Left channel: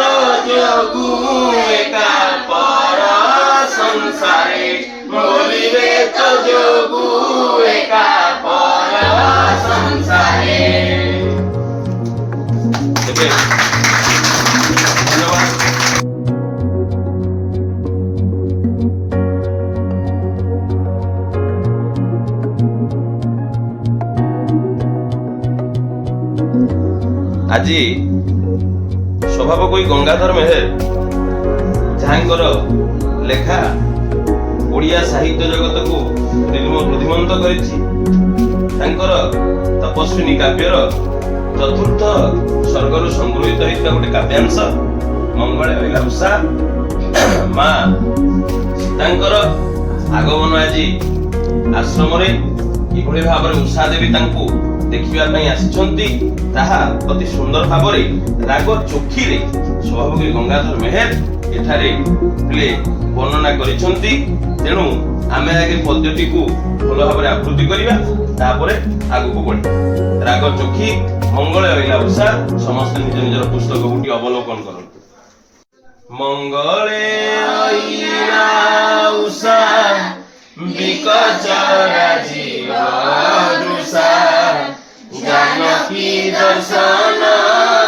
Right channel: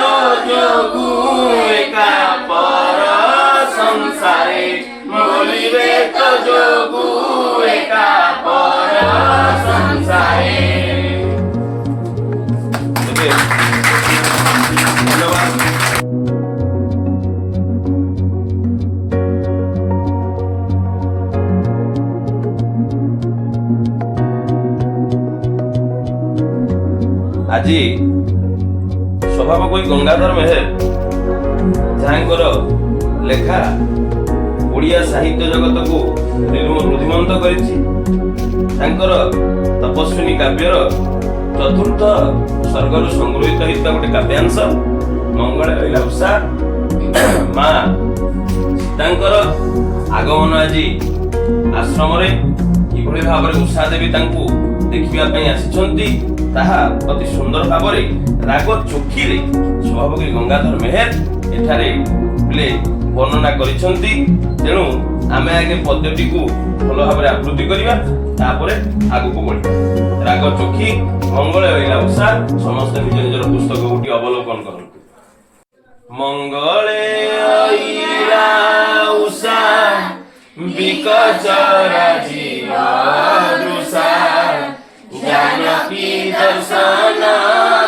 तो जोगु एका पर संसारे बोलिबे तो जोगु एका पर संसारे। आज स्वभावकवि गंगाधर मेहेर जहाँकर लेखा ओडिया साहित्य जगत को रुधिमंत करिछि तांकर तपस्विनी काव्यर चतुर्थ सर्गरु संग्रहित होता गोटे काव्यांश मंगले अइला उषा माँ सीतांकर आगमन आज आश्रम रे किभଳି भाବରେ उषा देवी तांकु देखिबा पई आसिछंती ताहा अति सुंदर भाव राग चोखी रे स्वभावकवि गंगाधर मेहेर एठारे प्ले वर्णना करिसंती। तेणु आमे आगे पद्धति को भल भाव आवृत्ति करिबा तापरे आगु को बढ़िबा। राग चोखी मंगले अइला उषा समस्त निज निजर पुस्तक गुटी अवलोकन करंतु। मंगले अइला उषा विकचरा जीव दृशा जानकी दर्शन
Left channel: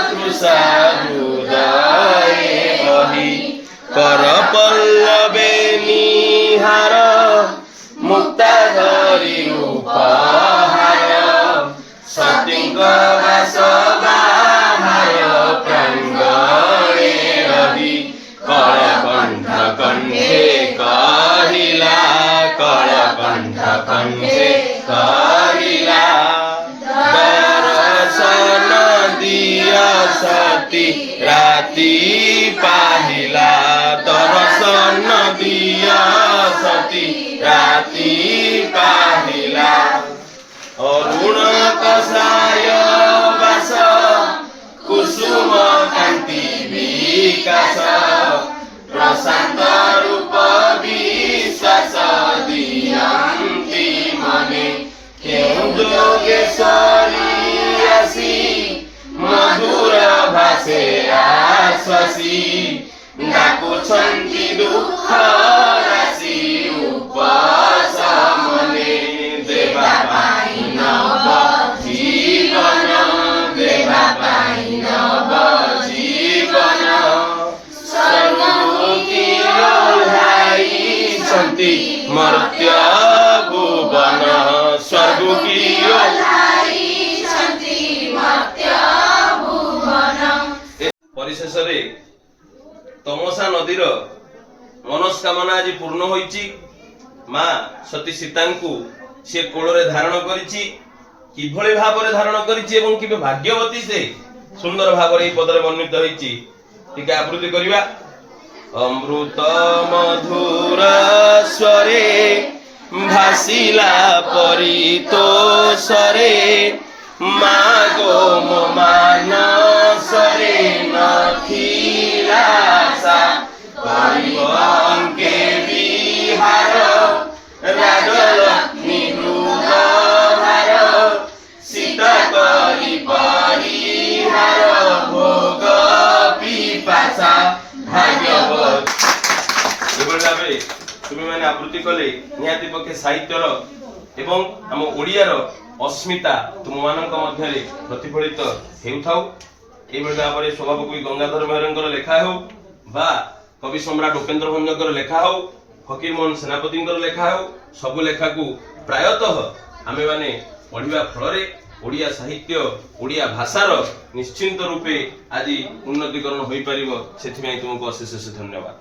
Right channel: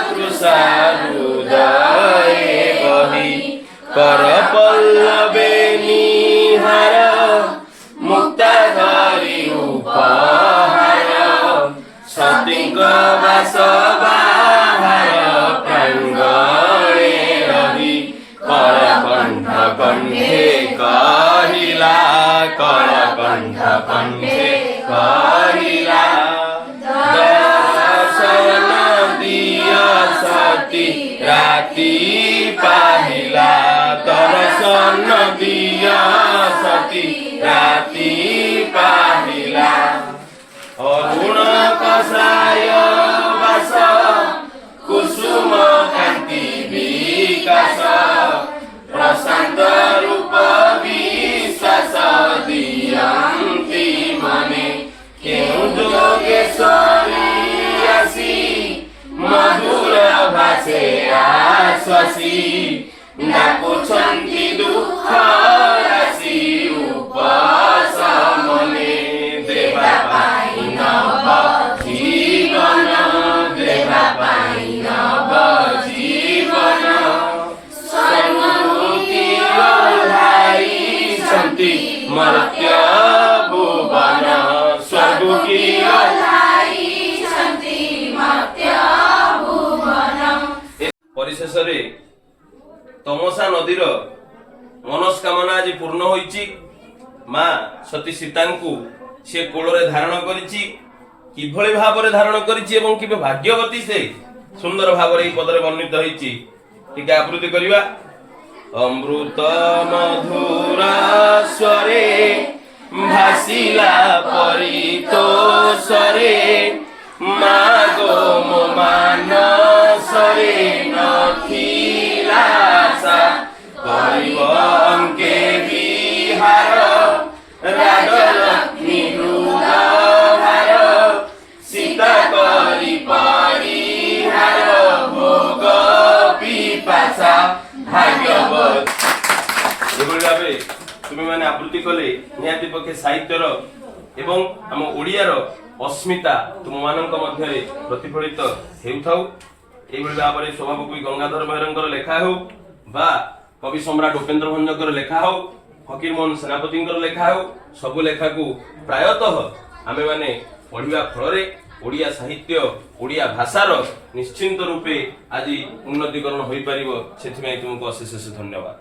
तृषा हृदय बहि कर पल्लवे निहार मुक्ता धरि उपहार सतींक वास बाहार प्रांगणे रवि कलकंठ कंठे कहिला कलकंठ कंठे कहिला सती राती पाहिला दर्शन दिया सती राती पाहिला अरुण कसाय वास कुसुम कांति विकास प्रशांत रूप विश्वास दियंती मने केउ जोगेश्वरी आसी मधुर भाषे आश्वसी डाकुछंती दुख राशि उपशमने देवा पाई नव जीवन देवा पाई नव जीवन स्वर्गु की ओह्लाई संति मर्त्य भुवन स्वर्गु की परिशेष तमसा नदीर मनस्कामना आज पूर्ण होईची। माँ सती सीता सी कोଳରେ धारण करिछि किभଳି भाବରେ धारण करिछि एवं किबे भाग्यवती से सुंदर भाବରେ এই पदरे वर्णित होईची। टिके आवृत्ति करिबा। अमृत मधुर स्वरे भासिला परितोषरे मागो मो मानसरे नथिला सा परिवंके विहार राजलक्ष्मी हृदहार सीता करी परिहार भोग पिपासा भाग्यवत। एभଳି भाବେ तुम मैंने आवृत्ति कले निहाती पक्षे साहित्यर एवं आम ओडियार अस्मिता तुम मानक मध्य प्रतिफलित हेउथाउ। एभଳି भाବରେ स्वभावकवि गंगाधर मेहेरंकर लेखा हो बा कवि सम्राट उपेन्द्र भंजकर लेखा हो फकीर मोहन सेनापतिंकर लेखा हो सब लेखा को प्रायतः आमे माने पढ़िबा फलरे ओडिया साहित्य ओडिया भाषार निश्चिंत रूपे आज उन्नतिकरण होई परिबो। सेथिमे तुमको अशेष धन्यवाद।